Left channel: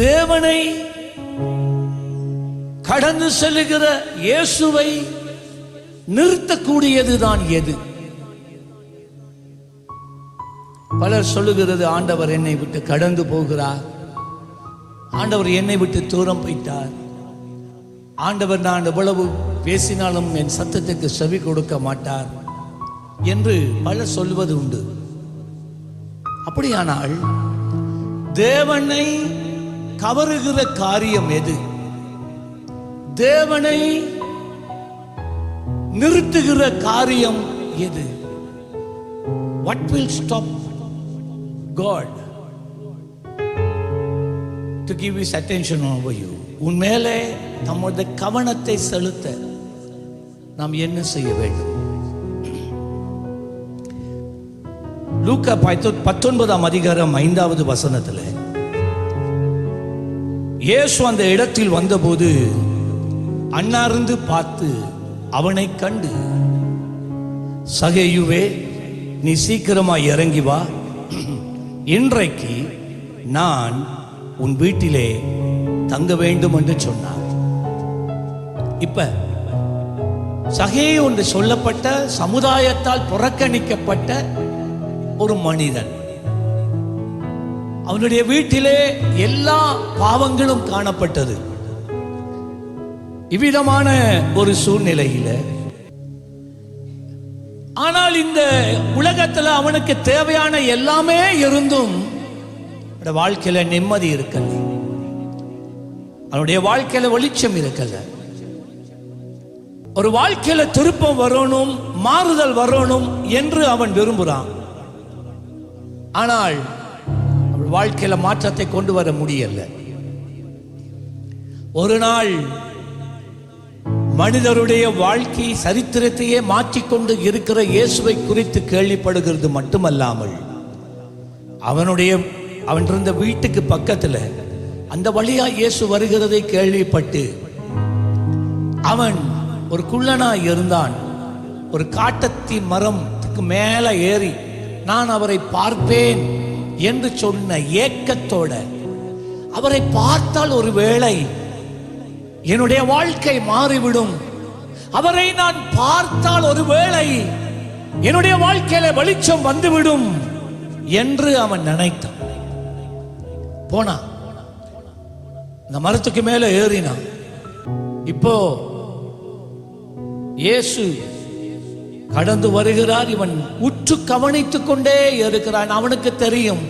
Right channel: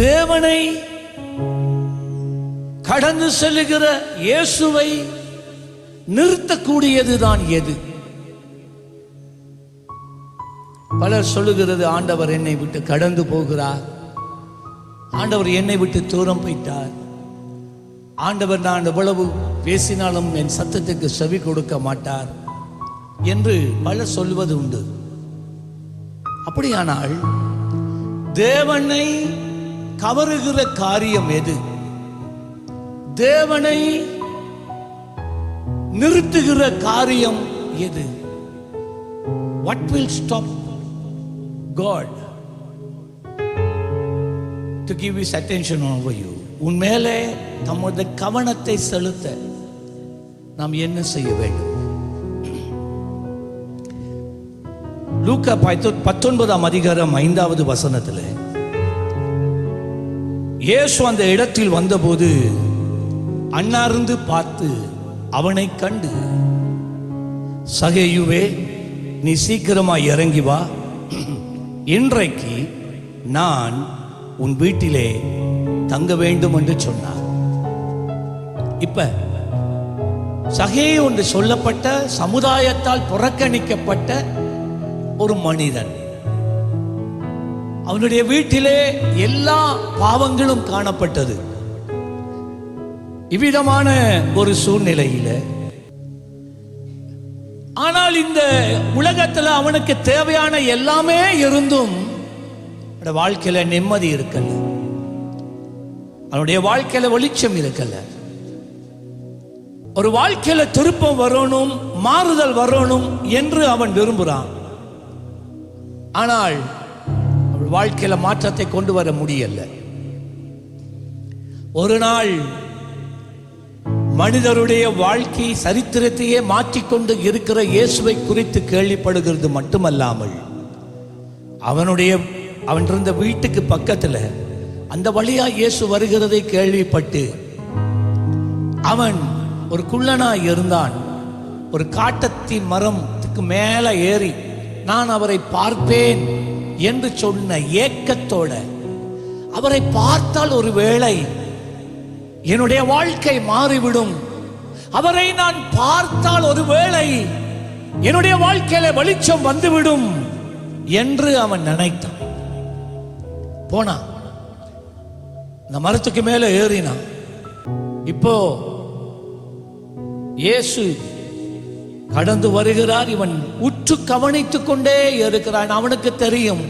தேவனை கடந்து செல்லுகிற இயேசுவை நிறுத்தக்கூடியதுதான் எது? பலர் சொல்லுகிறது, ஆண்டவர் என்னை விட்டு கடந்து போகிறார், ஆண்டவர் என்னை விட்டு தூரம் போயிட்டார், ஆண்டவர் நான் எவ்வளவு பேசினாலும் என் சத்தத்துக்கு செவி கொடுக்க மாட்டார் என்று பலர் சொல்வது உண்டு. அப்படியானால் தேவனை கவருகிற காரியம் எது? தேவனை நிறுத்துகிற காரியம் எது? What will stop God to give his attention over you? உன் மேலே தம்முடைய கவனத்தை செலுத்த நாம் என்ன செய்ய வேண்டும்? லூக்கா 19ஆம் அதிகாரம் 5வது வசனத்தில் இயேசு அந்த இடத்தில் வந்தபோது அண்ணார்ந்து பார்த்து அவனை கண்டு, சகேயுவே, நீ சீக்கிரமாய் இறங்கி வா, இன்றைக்கு நான் உன் வீட்டிலே தங்க வேண்டும் என்று சொன்னார். இப்ப சகேயு என்று சொல்லப்பட்ட சமுதாயத்தால் புறக்கணிக்கப்பட்ட ஒரு மனிதன், அவனுடைய வீட்டிலே எல்லா பாவங்களும் காணப்பட்டது. இவ்விதமான ஒரு சூழ்நிலையில, ஆனால் இந்த உலகத்தில் அவனுக்கு தேவையான எல்லாமே இருந்தும் வாழ்க்கையில நிம்மதி இருக்கல, அவனுடைய வாழ்க்கையில வெளிச்சம் இருக்கல. ஒரு வாழ்க்கையில திருப்பம் வரணும், மாறுதல் வரணும் என்று அவன் விரும்புகிறான். ஆனால் அவள் வாழ்க்கையில மாற்றத்தை கொண்டு வர முடியல. ஒரு நாள் மனிதருடைய வாழ்க்கை சரித்திரத்தையே மாற்றிக்கொண்டு இருக்கிற இயேசுவை குறித்து கேள்விப்படுகிறது மட்டுமல்லாமல், அவன் இருந்த வீட்டுக்கு பக்கத்தில் அந்த வழியா இயேசு வருகிறதை கேள்விப்பட்டு, அவன் ஒரு குள்ளனாய் இருந்தான். ஒரு காட்டத்தி மரத்துக்கு மேலே ஏறி நான் அவரை பார்ப்பேன் என்று சொன்ன ஏக்கத்தோட, அவரை பார்த்தால் ஒரு வேளை என்னுடைய வாழ்க்கை மாறிவிடும், அவரை நான் பார்த்தால் ஒரு வேளை என்னுடைய வாழ்க்கையில வெளிச்சம் வந்துவிடும் என்று அவன் நினைத்தான். போனான், இந்த மரத்துக்கு மேல ஏறினான். இப்போ இயேசு கடந்து வருகிறார். இவன் உற்று கவனித்துக் கொண்டே இருக்கிறான். அவனுக்கு தெரியும்,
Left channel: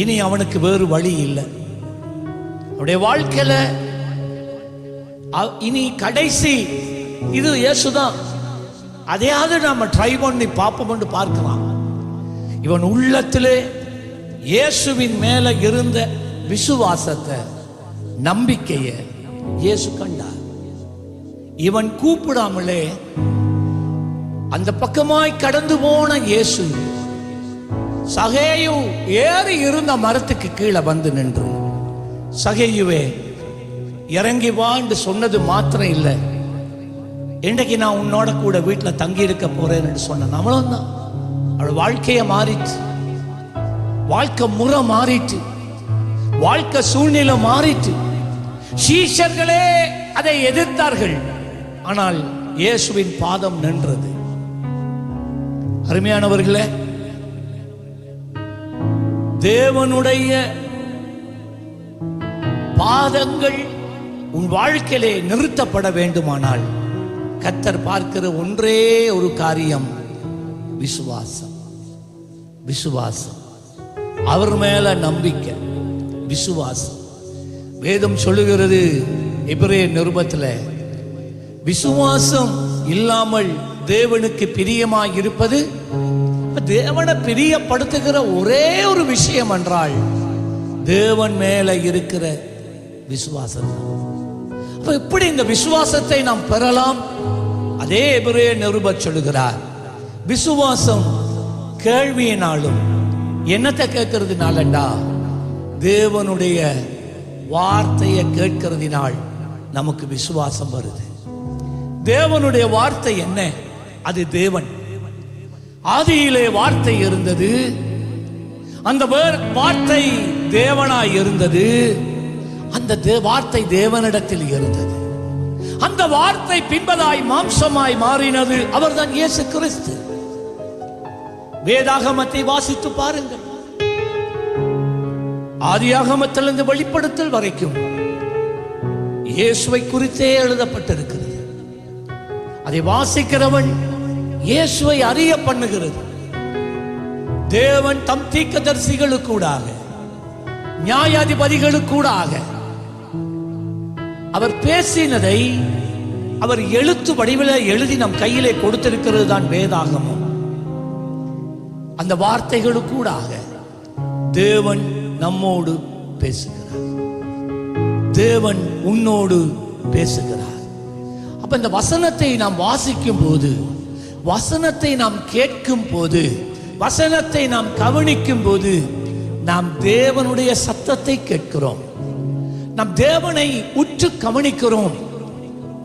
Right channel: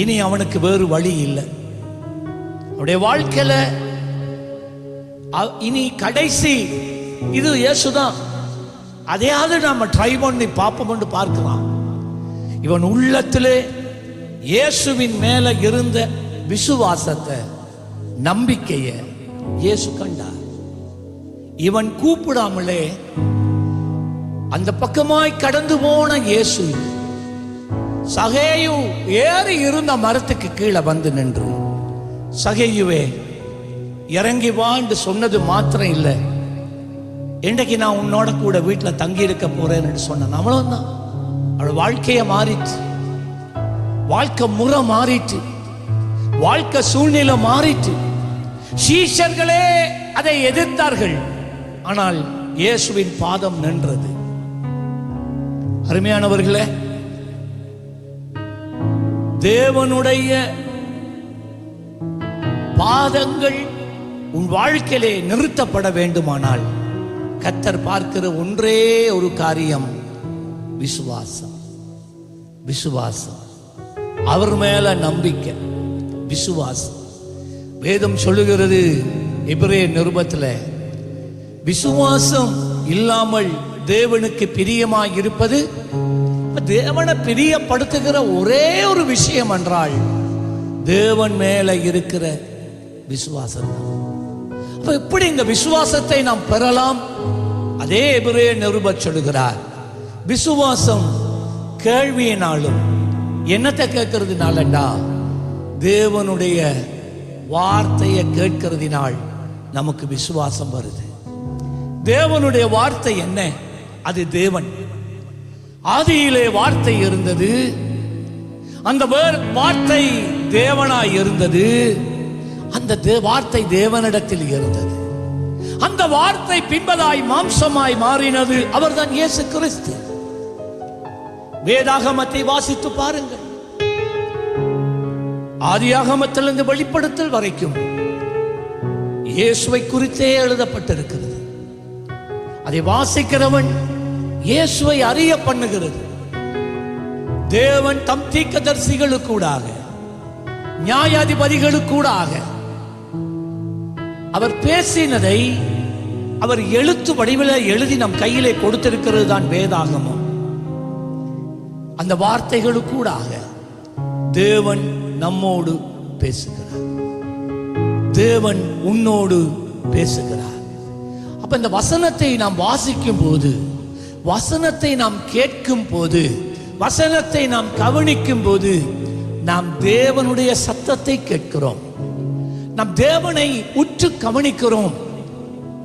இனி அவனுக்கு வேறு வழி இல்லை. அவனுடைய வாழ்க்கையில இனி கடைசி இது இயேசுதான், அதையாவது நாம ட்ரை பண்ணி பார்ப்போம் பார்க்கிறான். இவன் உள்ளத்திலே இயேசுவின் மேல இருந்த விசுவாசத்தை, நம்பிக்கையை இயேசு கண்டார். இவன் கூப்பிடாமலே அந்த பக்கமாய் கடந்து போன இயேசு சகேயு ஏறி இருந்த மரத்துக்கு கீழே வந்து நின்று, சகேயுவே இறங்கி வா என்று சொன்னது மாத்திரம் இல்லை, இன்றைக்கு நான் உன்னோட கூட வீட்டில் தங்கி இருக்க போறேன் என்று சொன்னான். அவ்வளவுதான். அவள் வாழ்க்கையை மாறிட்டு, வாழ்க்கை முறை மாறிட்டு, வாழ்க்கை சூழ்நிலை மாறிட்டு. சீஷர்களே அதை எதிர்த்தார்கள், ஆனால் இயேசுவின் பாதம் நின்றது. அருமையானவர்களே, தேவனுடைய பாதங்கள் உன் வாழ்க்கையிலே நிறுத்தப்பட வேண்டுமானால் கர்த்தர் பார்க்கிற ஒன்றே ஒரு காரியம், விசுவாசம். விசுவாசம், அவர் மேல நம்பிக்கை, விசுவாசம். வேதம் சொல்லுகிறது எபிரேயர் நிருபத்தில், விசுவாசம் இல்லாமல் தேவனுக்கு பிரியமாய் இருப்பது, தேவனை பிரியப்படுத்துகிற ஒரே ஒரு விஷயம் என்றால் தேவன் மேல இருக்கிற விசுவாசம் தான். அப்ப எப்படி இந்த விசுவாசத்தை நாம் பெறலாம்? அதே எபிரேயர் நிருபர் சொல்லுகிறார், விசுவாசம் கேள்வியினாலும், என்னத்தை கேட்கறதுனாலண்டா தேவனுடைய வார்த்தையை கேட்கிறதினால் நமக்கு விசுவாசம் வருது. தேவனுடைய வார்த்தை என்ன? அது தேவன். ஆதியிலே வார்த்தை இருந்தது, அந்த வார்த்தை தேவனாய் இருந்தது. அந்த வார்த்தை தேவனிடத்தில் இருந்தது. அந்த வார்த்தை பின்பதாய் மாம்சமாய் மாறினது. அவர்தான் இயேசு கிறிஸ்து. வேதாகமத்தை வாசித்து பாருங்கள். ஆதியாகமத்திலிருந்து வெளிப்படுத்தல் வரைக்கும் இயேசுவை குறித்தே எழுதப்பட்டிருக்கிறது. அதை வாசிக்கிறவன் இயேசுவை அறிய பண்ணுகிறது. தேவன் தம் தீர்க்கதரிசிகளுக்கூடாக, நியாயாதிபதிகளுக்கூடாக அவர் பேசினதை அவர் எழுத்து வடிவில் எழுதி நம் கையிலே கொடுத்திருக்கிறது தான் வேதாகமம். அந்த வார்த்தைகளுக்கூடாக தேவன் நம்மோடு பேசுகிறார். தேவன் உன்னோடு பேசுகிறார். அப்ப இந்த வசனத்தை நாம் வாசிக்கும் போது, வசனத்தை நாம் கேட்கும் போது, வசனத்தை நாம் கவனிக்கும் போது நாம் தேவனுடைய சத்தத்தை கேட்கிறோம். நாம் தேவனை உற்று கவனிக்கிறோம்.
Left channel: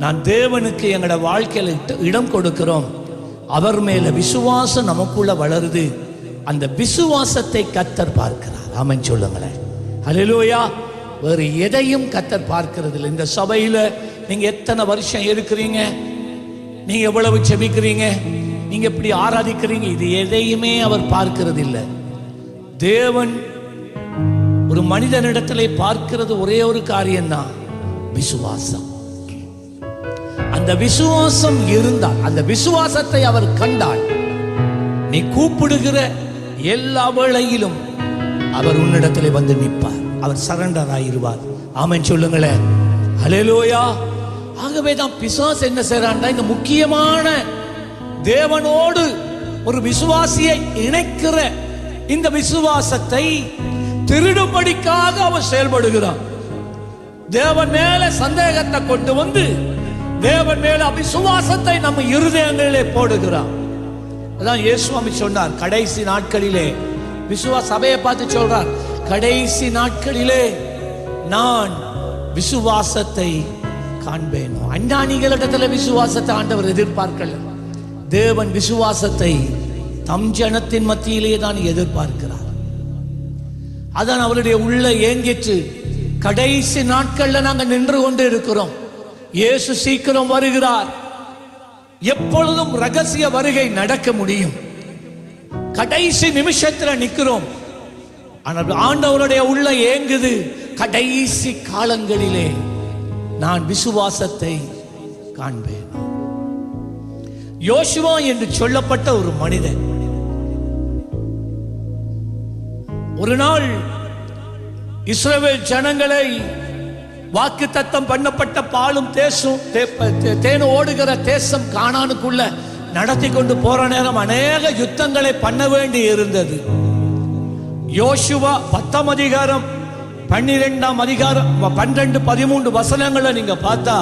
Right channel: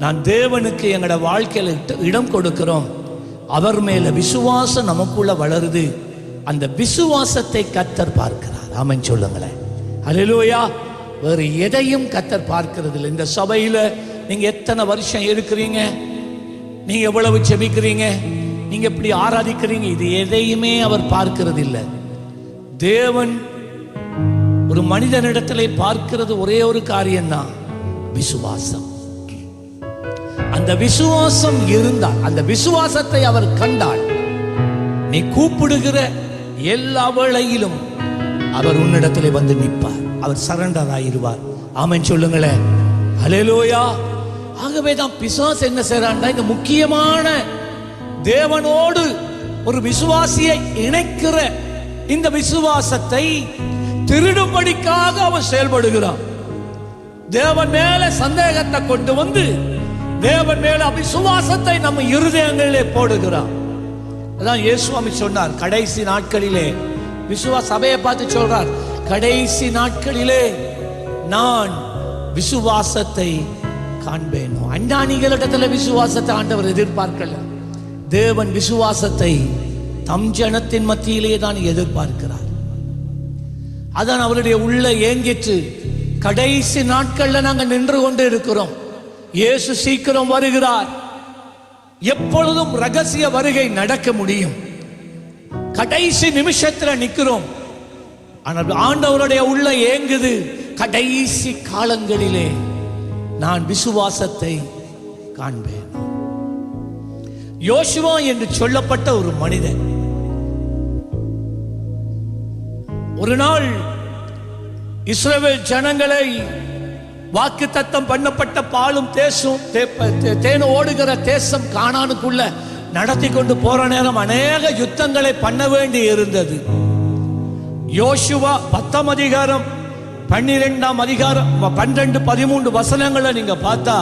நான் தேவனுக்கு எங்களோட வாழ்க்கையில் இடம் கொடுக்கிறோம். அவர் மேல விசுவாசம் நமக்குள்ள வளருது. அந்த விசுவாசத்தை கர்த்தர் பார்க்கிறார். ஆமென் சொல்லுங்களேன். ஹல்லேலூயா. வேறு எதையும் கர்த்தர் பார்க்கிறது இல்லை. இந்த சபையில் நீங்க எத்தனை வருஷம் இருக்கிறீங்க, நீங்க எவ்வளவு செபிக்கிறீங்க, நீங்க எப்படி ஆராதிக்கிறீங்க, இது எதையுமே அவர் பார்க்கிறது இல்லை. தேவன் ஒரு மனிதனிடத்திலே பார்க்கிறது ஒரே ஒரு காரியம்தான், விசுவாசம். அந்த விசுவாசம் இருந்தால், அந்த விசுவாசத்தை அவர் கண்டால், நீ கூப்பிடுகிற எல்லா வேளையிலும் அவர் உன்னிடத்திலே வந்து நிற்பார். அவர் சரண்டர் ஆயிருவார். ஆமென் சொல்லுங்களேன். ஹல்லேலூயா. ஆகவே தான் பிசாசு என்ன செய்றான்டா, இந்த முக்கியமான தேவனோடு ஒரு விசுவாசியை இணைக்கிற இந்த விசுவாசத்தை திருடும்படிக்காக அவன் செயல்படுகிறான். தேவன் மேல சந்தேகத்தை கொண்டு வந்து தேவன் மேல அவிசுவாசத்தை நம்ம இருதயங்களிலே போடுகிறான். அதான் இயேசுவாமி சொன்னார், கடைசி நாட்களிலே சபையை பார்த்து சொல்றார், கடைசி நாட்களிலே நான் விசுவாசத்தை காண்பேனோ. அஞ்ஞானிகளிடத்தில் விசுவாசத்தை ஆண்டவர் எதிர்பார்க்கல. தேவன் விசுவாசத்தை தம் ஜனத்தின் மத்தியிலே தான் எதிர்பார்க்கிறார். அதான் அவருடைய உள்ள ஏங்கிற்று. கடைசி நாட்கள்ல நாங்கள் நின்று கொண்டு இருக்கிறோம். இயேசு சீக்கிரம் வருகிறார். எப்பொழுதும் ரகசிய வருகை நடக்க முடியும். கடைசி நிமிஷத்துல நிற்கிறோம். ஆனால் ஆண்டவருடைய உள்ள ஏங்குது, கடைசி காலங்களிலே நான் விசுவாசத்தை காண்பேன். யோசுவா என்று சொல்லப்பட்ட ஒரு மனிதன் ஒரு நாள் இஸ்ரவேல் ஜனங்களை வாக்குத்தத்தம் பண்ணப்பட்ட பாலும் தேனும் ஓடுகிற தேசம் கானானுக்குள்ள நடத்தி கொண்டு போற நேரம் அநேக யுத்தங்களை பண்ண வேண்டி இருந்தது. யோசுவா 10ஆம் அதிகாரம் 12ஆம் அதிகாரம் 12, 13 வசனங்களை நீங்க பார்த்தா,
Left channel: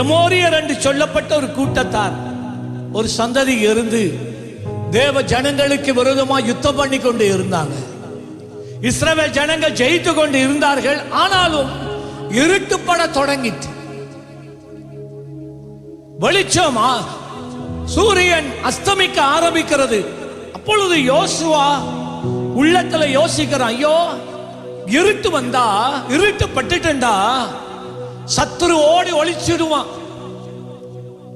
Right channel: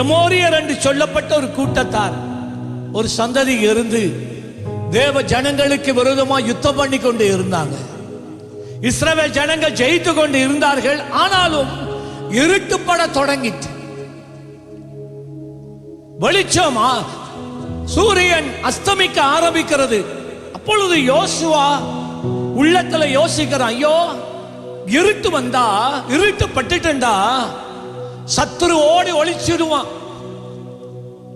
எமோரியர் என்று சொல்லப்பட்ட ஒரு கூட்டத்தார், ஒரு சந்ததி இருந்து தேவ ஜனங்களுக்கு விரோதமாக யுத்தம் பண்ணி கொண்டு இருந்தாங்க. இஸ்ரவேல் ஜனங்கள் ஜெயித்து கொண்டு இருந்தார்கள். ஆனாலும் இருட்டுப்பட தொடங்கிட்டு, வெளிச்சமா சூரியன் அஸ்தமிக்க ஆரம்பிக்கிறது. அப்பொழுது யோசுவா உள்ளத்துல யோசிக்கிறான், ஐயோ இருட்டு வந்தா, இருட்டு பட்டுட்டா சத்துரு ஓடி ஒளிச்சிடுவான்.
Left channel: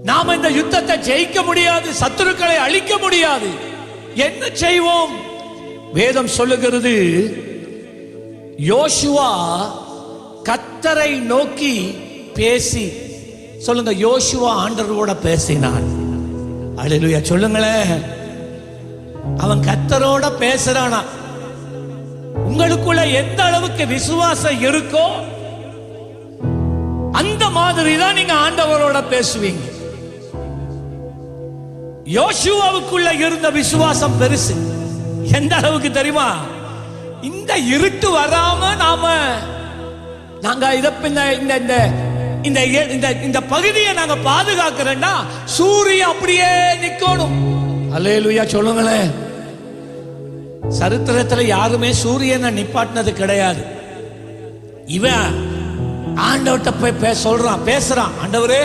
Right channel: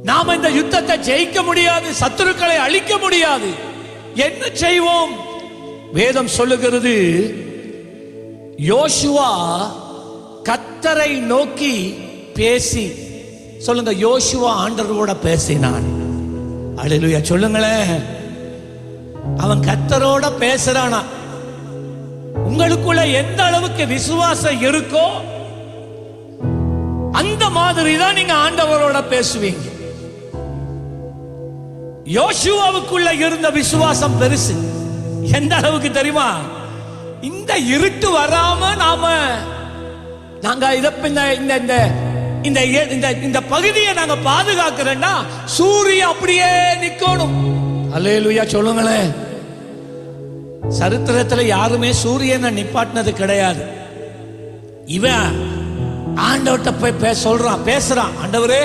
நாம இந்த யுத்தத்தை ஜெயிக்க முடியாது, சத்துருக்களை அழிக்க முடியாது. என்ன செய்வோம்? வேதம் சொல்லுகிறது, யோசுவா கர்த்தரை நோக்கி பேசி, சொல்லுங்க, யோசுவா ஆண்டவரோட பேசினான். அல்லேலூயா சொல்லுங்களேன். அவன் கர்த்தரோட பேசுறானா. உங்களுக்குள்ள எந்த அளவுக்கு விசுவாசம் இருக்கோ அந்த மாதிரி தான் நீங்க ஆண்டவரோட பேசுவீங்க. யோசுவாவுக்குள்ள இருந்த விசுவாசம் பெருசு. எந்த அளவுக்கு தெரியுமா? இந்த இருட்டு வராம நாங்க இந்த பகுதியை நாங்க பாதுகாக்கிறேன்னா சூரியன் அப்படியே நிக்கணும். அல்லேலூயா சொல்லுங்களேன். சரித்திரத்துல யாருமே சூரியனை நிப்பாட்டினது கிடையாது. இவன் ஆண்டவர்கிட்ட போய் சொல்றான், பேசுறான், ஆண்டவரே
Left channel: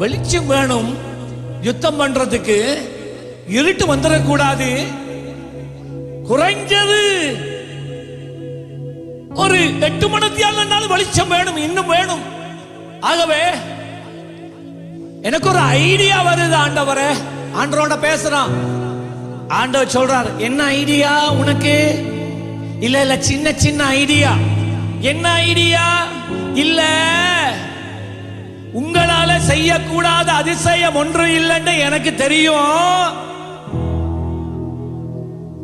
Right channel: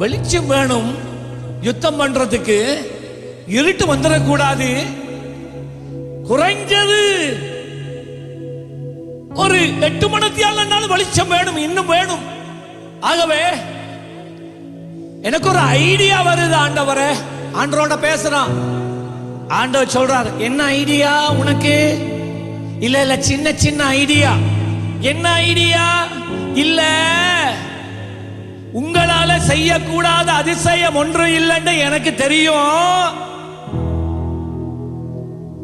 வெளிச்சம் வேணும், யுத்தம் பண்றதுக்கு இருட்டு வந்துடக்கூடாது, குறைஞ்சது ஒரு 8 மணித்தியால வெளிச்சம் வேணும், இன்னும் வேணும். ஆகவே எனக்கு ஒரு ஐடியா வருது ஆண்டவரே. ஆண்டவரோட பேசுறான். ஆண்டவர் சொல்றார், என்ன ஐடியா உனக்கு? இல்ல சின்ன சின்ன ஐடியா. என்ன ஐடியா? இல்ல உங்களால செய்யக்கூடாத அதிசயம் ஒன்று இல்லைன்னு எனக்கு தெரியும்.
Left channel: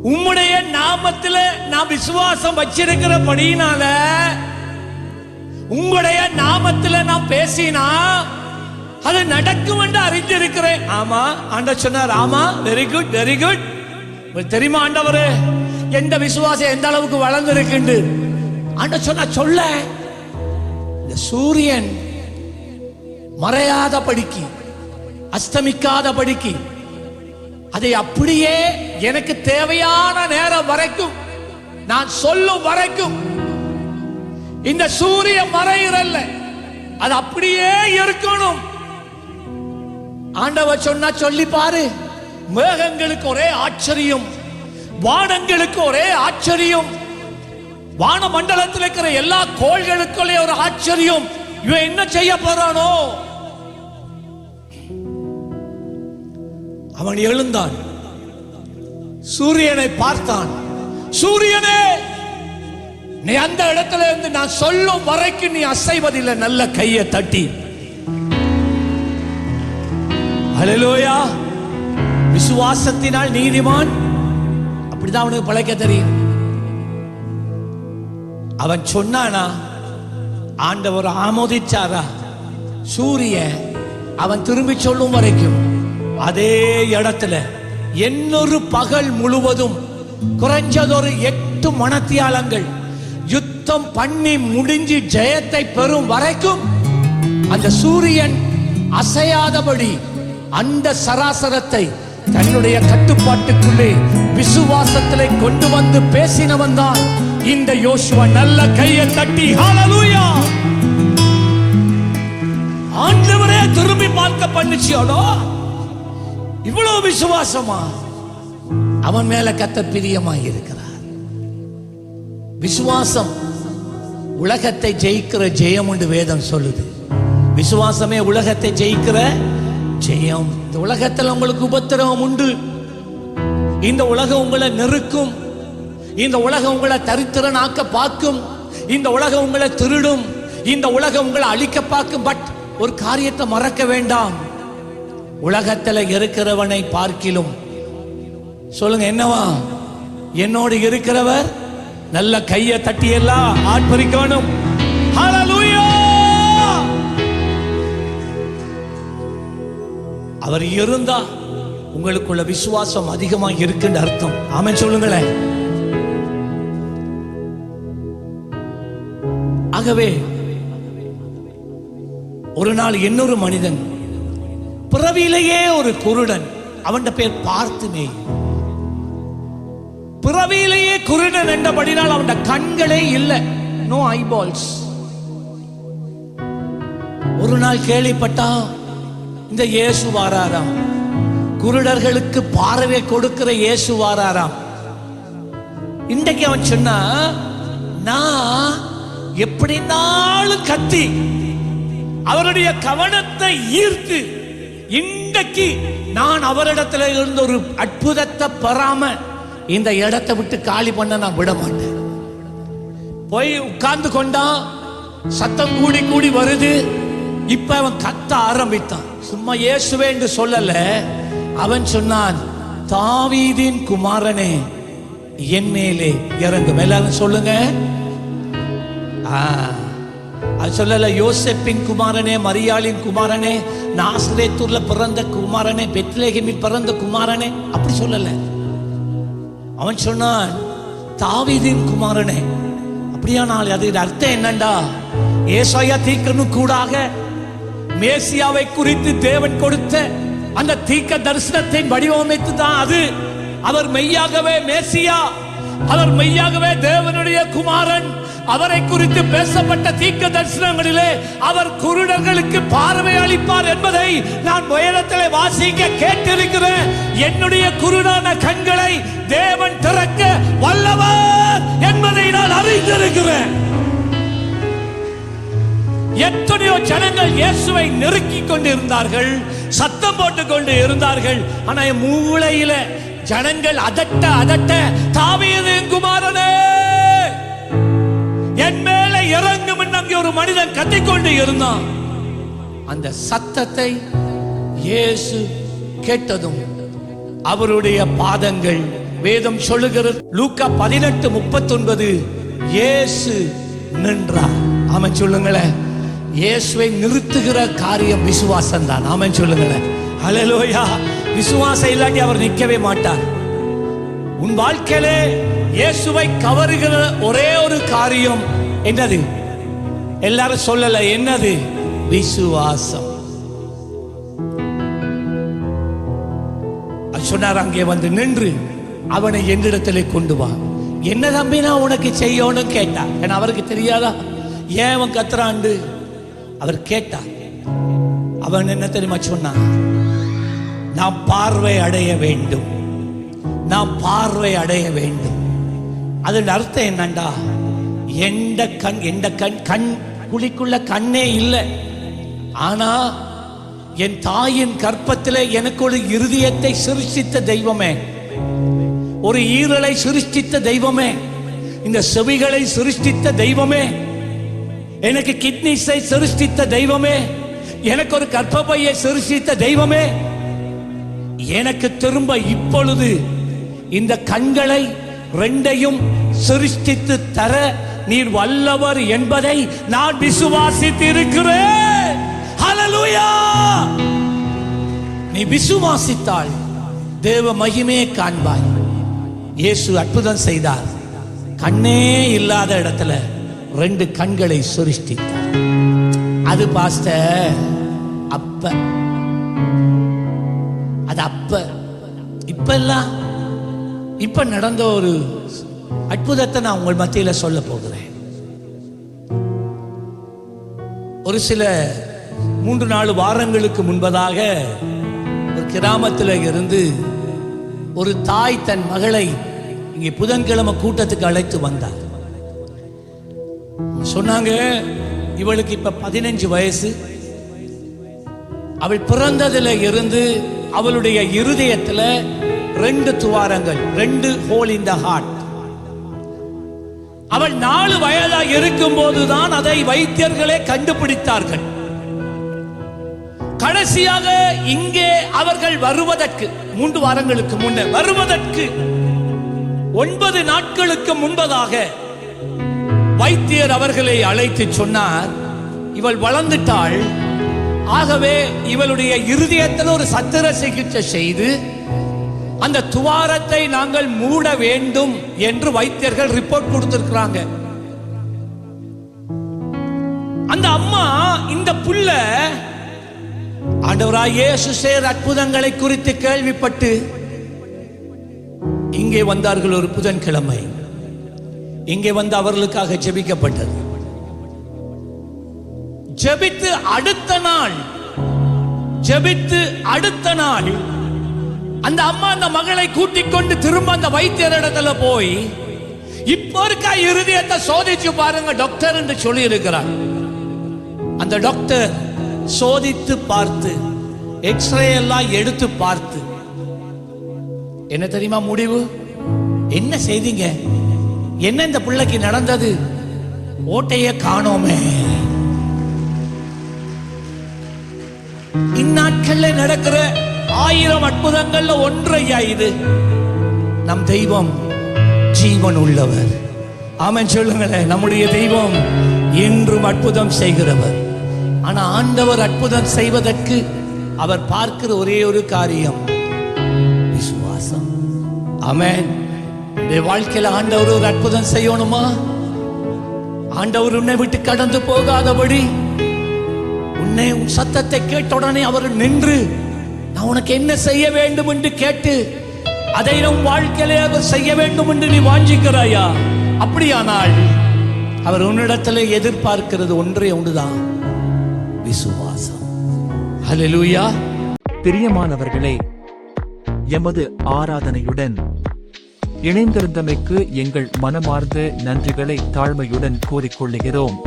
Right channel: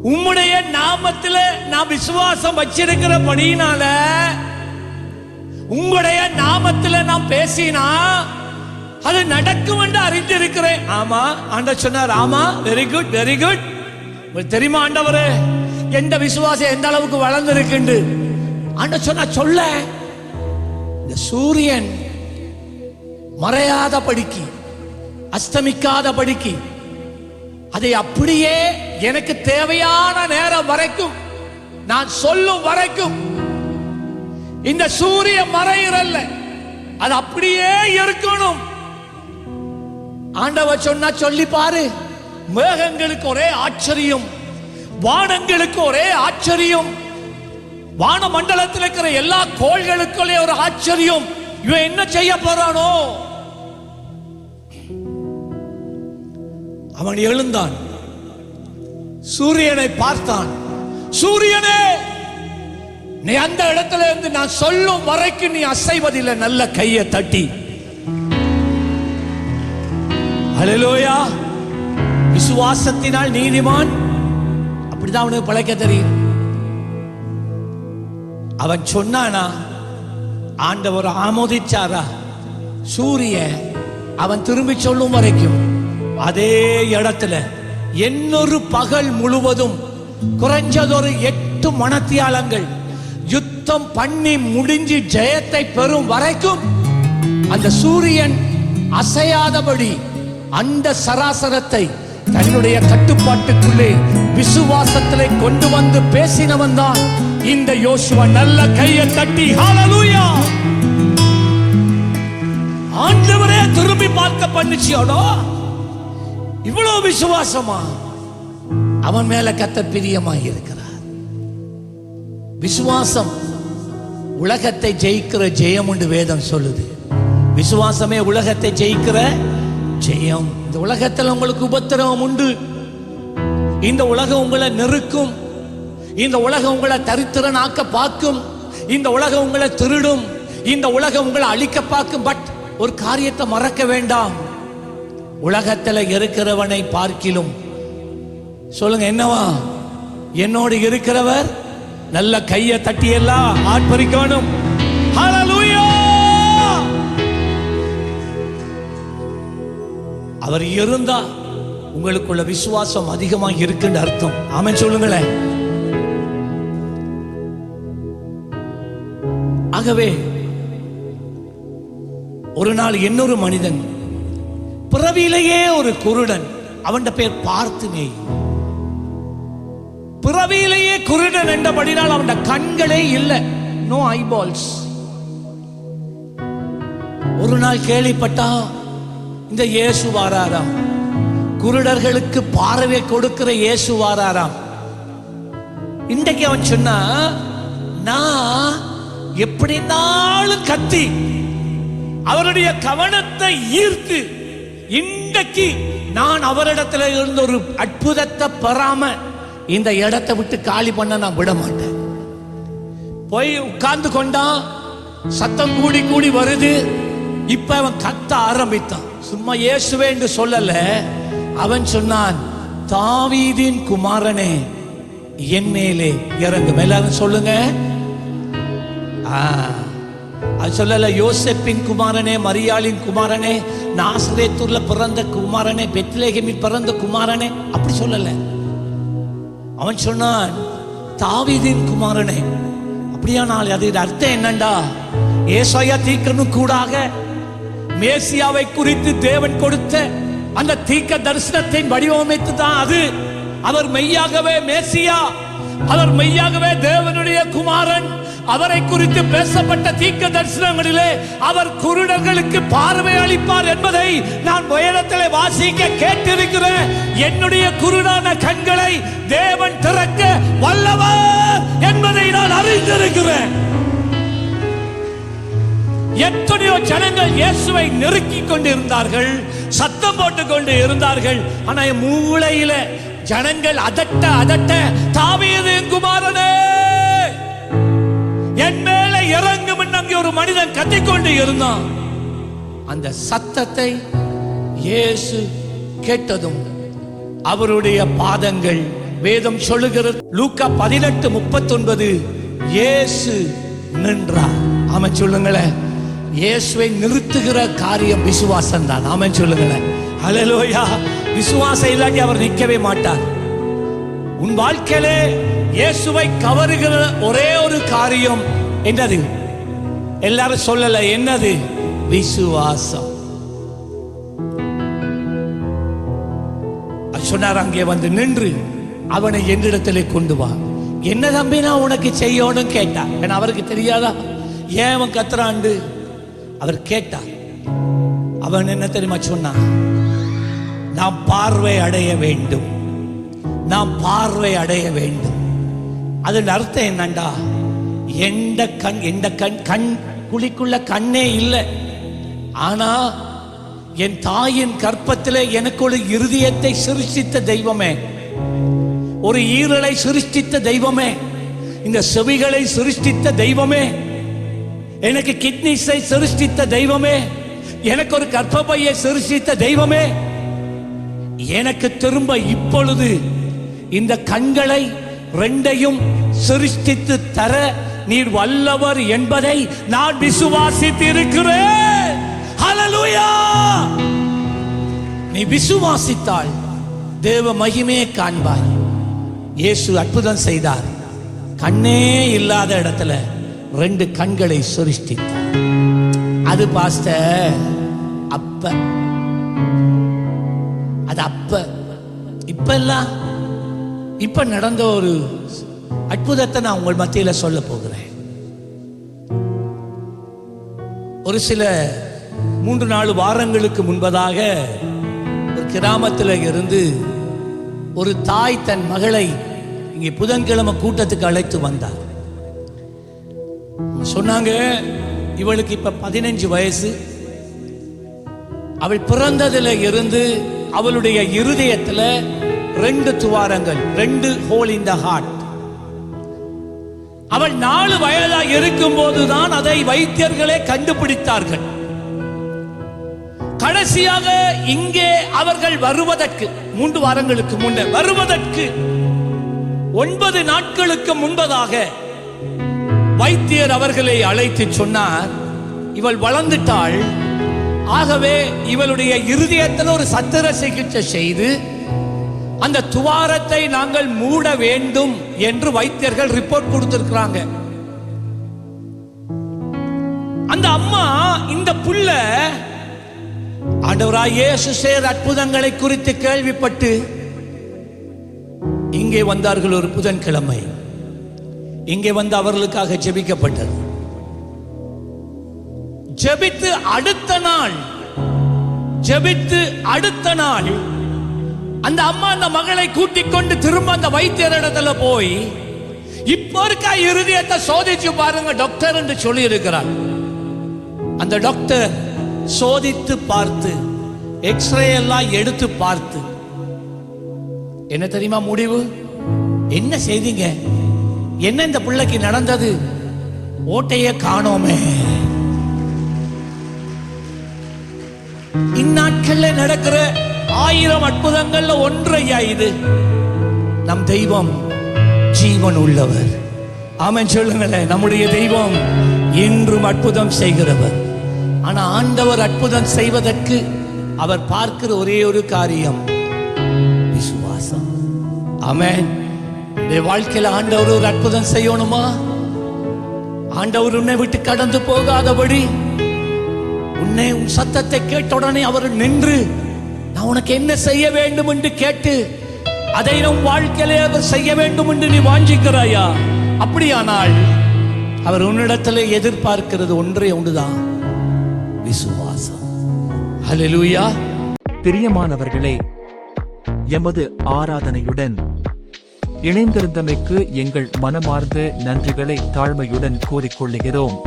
உம்முடைய நாமத்தில் நான் விசுவாசம் வச்சிருக்கிறபடினால உங்களுடைய நாமத்தில் நான் பேசினா அது நடக்கும் என்று அறிந்திருக்கிறேன். ஆமா, ஆண்டவர் சொன்னார். ஆமா, வெரி குட் வெரி குட். தெரியுமா ஆண்டவரே, எந்த விசுவாசம் எந்த அளவுக்கு வளர்ந்திருக்கு ஆண்டவர் சொன்னா சொல்ல. இந்த சூரியன் மறையாத படிக்கு, அஸ்தமிக்காத படிக்கு, அதை அப்படியே எனக்கு தேவையான நேரம் வரைக்கும், நான் சொல்லும் வரைக்கும் இந்த சூரிய மறையிறல்ல, அது அப்படியே இருக்கணும். ஆண்டவர் சொன்னா சொல்லி பாரு. மேகங்களுக்கு ஒரே ஆச்சரியம், வானங்களுக்கு ஒரே ஆச்சரியம், வான மண்டலத்தில் இருக்கிற எல்லா கோள்களுக்குள்ளே ஒரு ஆச்சரியம். இவன் என்ன செய்ய போறானோ? அவன் எழுந்தான், சூரியனை பார்த்தான். சூரியனே, நீ அந்த இடத்துல இருந்து நான் சொல்லும் வரைக்கும் நீ அசைவதில்லை. நல்ல கையை தட்டி ஹல்லேலூயா. விசுவாசத்தினால் நீதிமான், அப்படிதான் அவனுக்கு பழைக்க தெரியும். அவன் சொன்னானா, ஆண்டவர் ஆமோதிச்சாரா? சூரியன் அவன் திரும்பி சொல்லும் வரைக்கும் அதே இடத்துல இன்னொரு பகல் முழுவதும் குறைஞ்சதொரு 8 மணித்தியாலங்கள் யுத்தம் பண்ணி முடிஞ்சு ஜெயத்தை பெறும் வரைக்கும் அந்த சூரியன் அசையாதபடி அந்த சராசரத்தை தன்னுடைய கட்டுப்பாட்டுக்குள்ளே விசுவாசத்திலே கொண்டு வந்து பேசினவன் தான் இந்த யோசுவா. நல்ல கையை தட்டி ஹல்லேலூயா. ஆண்டவரே திரும்பி பார்க்க பண்ணிச்சியோடோ. இவ்வளவு விசுவாசமா? அவன் மேல கர்த்தர் பிரியமாய் இருக்கிறார். விசுவாசம் உலகத்தை ஜெயிக்கிற ஜெயம் என்று வேதம் சொல்லுது. விசுவாசமே உலகத்தை ஜெயிக்கிற ஜெயம். இந்த உலகத்தில் உங்களுக்கு உபத்திரவம் உண்டு. இந்த உலகம் உங்களை நெருக்கும். இந்த உலகம் உங்களை தரித்திரனாக்க பார்க்கும். இந்த உலகம் உங்களை திருடும். இந்த உலகம் உங்களை அழிக்க பார்க்கும். பட் ஒரு காரியத்தை மறக்க வேண்டாம். உலகத்தில் இருக்கிறவனை பார்க்கிலும், சொல்லுங்க என்னவா, என்னோடு இருக்கிறவர். நல்ல கையை தட்டி எல்லாம் ஆர்ப்பரிக்கணும். ஹல்லேலூயா. அவர் இருந்தா உங்களுக்குள்ள விசுவாசம் அதிகமாக இருக்குன்னு அர்த்தம். ஆமென் சொல்லுங்களேன். ஆகவே ஒரு நாள் இன்னொரு மனிதன், பிறவியிலேயே ஒரு குருடன், அவன் பேர் பார்த்திமேயு. பிறவியிலேயே குருடன் என்றபடினால் அவன் கண்களே இல்லை, நோ ஐபால்ஸ். ஒரு நாள் கேள்விப்பட்டா இந்த இயேசு வாராராம், குருடர்களுக்கு பார்வை கொடுக்கிற இயேசு வாராராம். இன்றைக்கு அவன் சொன்னா, நான் எப்படினாலும் கத்தி அவருடைய கவனத்தை ஈர்த்து இன்றைக்கு நான் அவரிடத்துல இருந்த ஒரு அற்புதத்தை பெறாம இந்த இடத்தை விட்டு காலி பண்ண நான் விட மாட்டேன். போய் உட்கார்ந்து கொண்டான். சத்தம் கூடி கூடி வருது. இப்ப அவன் கத்த ஆரம்பித்தான். சும்மா இயேசுவே என்று சொல்லல, அவன் சொன்னான், தாவீதின் குமாரனே என் மேலே இறங்கும். எல்லாரும் சொல்லுங்க. அது சொல்லல, யோசேப்பின் குமாரனே, மரியாளின் குமாரனே, நாசரேத்தூர்ல பிறந்த குமாரனே, பெத்லகேமில் பிறந்த குமாரனே, அப்படி சொல்லல. அவன் சொன்னான், தாவீதின் குமாரனே. அப்படியானால் அது அர்த்தம் என்னண்டா, ஏசாயா தீர்க்கனும் கூடாக மேசியாவை குறித்து தேவன் கொடுத்த அந்த தீர்க்க தரிசனத்தை வடிவமைத்து தான் அது. அவர் மெய்யாகவே மேசியா, அவர் மெய்யாகவே தேவனுடைய குமாரன், அவரை குறித்து பேசப்பட்ட தீர்க்க தரிசனங்களிலே அவர் குருடர்களுக்கு பார்வை அளிப்பார் என்பதை நான் வேதத்திலே வாசிக்க கேட்டிருக்கிறேன். என்னுடைய குருடான கண்களை தேவன் திறக்க வல்லவர் என்பதை நான் அறிந்திருக்கிறேன். எத்தனையோ ஜனங்கள் இயேசுவை நெருக்கிக் கொண்டு இருந்தார்கள், சத்தம் போட்டுக் கொண்டு இருந்தார்கள். ஆனா மூளையில ஜனங்கள் அதட்ட அதட்ட, தாவீதின் குமாரனே என் மேல இறங்கும் என்று அங்கே ஒரு மனிதன் கத்திக்கொண்டு இருந்தான். அந்த சத்தத்தை இயேசு கேட்டதும் அவருடைய பாதங்கள், வேதம் சொல்லுகிறது லூக்கா 18:39, இயேசு நின்றார். ஆமென் சொல்லுங்களேன். இயேசுவை நிறுத்துகிற காரியம் விசுவாசம் தான். ஆமென் சொல்லுங்களேன். ஹல்லேலூயா. விசுவாசம் இல்லாட்டி அவர் நிற்கவே மாட்டார். உன் வாழ்க்கையிலே இயேசுவை கவருகிற ஒரே ஒரு காரியம் என்னது? எல்லாரும் சொல்லல, என்னது? விசுவாசம். சொன்னார், அங்கே வந்து நின்று அவனை என்னிடத்திலே கொண்டு வா. என்ன தம்பி நான் உனக்கு செய்யணும் கேட்டா. ஏன்னா அவருக்கு தெரியாதா ஏன் அவன் கத்துறாண்டு? அவர் கேட்டார். அவன் என்ன தெரியுமா சொன்னான்? நாம் பார்வை அடைய வேண்டும், நாம் பார்வை அடைய வேண்டும். அதன் அர்த்தம் என்னண்டா, எந்த கண் குழிக்குள்ள கண்ணே இல்லை, ஆனா என் தாயின் கற்பத்திலே எனக்கு ஒரு இருதயத்தை சிருஷ்டித்த தெய்வமே, ஒரு ஈரலை சிருஷ்டித்த தெய்வமே, இந்த செவிகளை சிருஷ்டித்த தெய்வமே, எனக்கு கிட்னிஸை சிருஷ்டித்த தெய்வமே, எனக்கு ஒரு கர்ப்பப்பையை சிருஷ்டித்த தெய்வமே, எனக்கு திரும்ப இப்பொழுது இந்த கண்களை ரெண்டையும் சிருஷ்டித்து தர நீர் வல்லவர் என்பதை நான் விசுவாசித்து இருக்கிறேன். ஹல்லேலூயா. நீ விசுவாசித்தால் தேவ மகிமையை காண்பாய். இயேசு அற்புதம் செய்தார். கண்ணே இல்லாத இடத்துல 2 கண்களை சிருஷ்டித்தார். அது பாஸ்டர் அப்ப, அது அப்ப. இப்ப நடந்த ஒரு அற்புதத்தை நான் உங்கள் மத்தியில சொல்ல போகிறேன். ஒரு சில 3-4 வாரங்களுக்கு முன்பதாக ஒரு கிராமத்தில் இருந்து ஒரு தாய் தன் மகளை இங்கே புதன்கிழமை கூட்டத்துக்கு அழைத்து வந்தார். சொன்னாங்க, இவளுக்கு இப்ப 15 வயசு. அவள் பிறந்ததுல இருந்து அவளுடைய இருதயத்துல 2 துவாரங்கள், 2 ஹோல் இன் த ஹார்ட். அவள் 4 வயதா இருக்கும் போதுதான் அதை வைத்தியர்களே கண்டுபிடித்தார்கள். கடைசியாக இங்கே அவர்கள் வருவதற்கு 3 வாரங்களுக்கு முன்னே வருவதற்கு 9 நாட்களுக்கு முன்பதாக வைத்தியர் அவர்களை அழைத்து சொன்னார், இவள் வளர்ந்துட்டாள், ஆகவே இவளுடைய இருதயத்தில் ஒரு சத்திர சிகிச்சை செய்து அந்த துவாரத்தை நாங்கள் மூட வேண்டும் என்று வைத்தியர்கள் ரிப்போர்ட் கொடுத்திருக்கிறாங்க. அந்த அம்மா இந்த புள்ள ஆண்டவராய் இயேசு செய்த அற்புதங்களை குறித்து கேள்விப்பட்டு இங்கே வந்தார்கள். ஒரு புதன்கிழமை இங்கே வந்து அவர்களுக்காக ஜெபிக்கப்பட்டது. ஜெபித்து அடுத்த நாள் அந்த அம்மா அந்த மகளை கூட்டிக் கொண்டு திரும்ப அந்த வைத்தியர் இடத்துல போய், இப்போ இருக்கா இருதயத்தை சோதிச்சு பாருங்க டாக்டர் என்று சொல்லி இருக்கிறார். அந்த டாக்டர் சோதித்து பார்த்து எக்ஸ்ரே எல்லாம் எடுத்து பார்த்து என்ன தெரியுமா முடிவு? என்ன செய்தீங்க? என்ன இந்த பிள்ளைக்கு நடந்தது? ஓட்டைய காணோமே. இந்நாட்கள்ல நடக்கிற 1000 அற்புதங்கள்ல ஒன்றையா இது? நம் தெய்வம் ஜீவன் உள்ளவர். ஆமென் சொல்லுங்களேன். நம்முடைய தெய்வம் இன்றும் அற்புதம் செய்கிறவர். ஆனா ஆண்டவர் அற்புதம் செய்வதற்கு அவர் பார்க்கிற ஒரே ஒரு காரியம் விசுவாசம். ஆமென். இந்த வாழ்க்கையில ஆண்டவர் ஒரு அற்புதம் செய்யணுமா? ஆண்டவர் உன்னை விட்டு கடந்து போகாதபடி உன் சத்தத்தை கேட்ட உடனே அவர் நின்று, நான் உனக்கு என்ன செய்ய வேண்டும் என்று கேட்டு அதை நம் வாழ்க்கையிலே அவர் செய்ய வேண்டும் என்று நீ வாஞ்சிக்கிறாயா? அப்படியானால் அவர் உன்னிடத்தில் எதிர்பார்க்கிறது ஒன்றே ஒன்றுதான், விசுவாசம். ஹல்லேலூயா. பிரியமானவர்களே, எமது ஆராதனையுடன் இணைந்திருந்தமைக்கு எங்கள் மனமார்ந்த நன்றிகளை தாழ்மையுடன் கூறிக்கொள்ளுகிறோம்.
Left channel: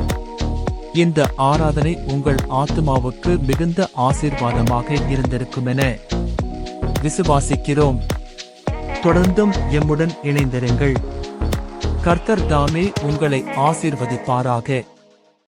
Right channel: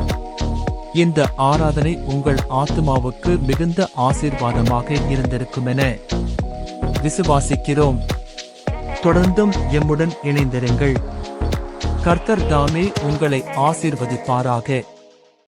இந்த ஆராதனை உங்கள் ஆத்துமாவுக்கு மிகுந்த ஆசீர்வாதமாக இருந்திருக்குமென விசுவாசிக்கிறோம். தொடர்ந்தும் எம்முடன் இணைந்திருங்கள். கர்த்தர் தாமே உங்களை ஆசீர்வதிப்பாராக.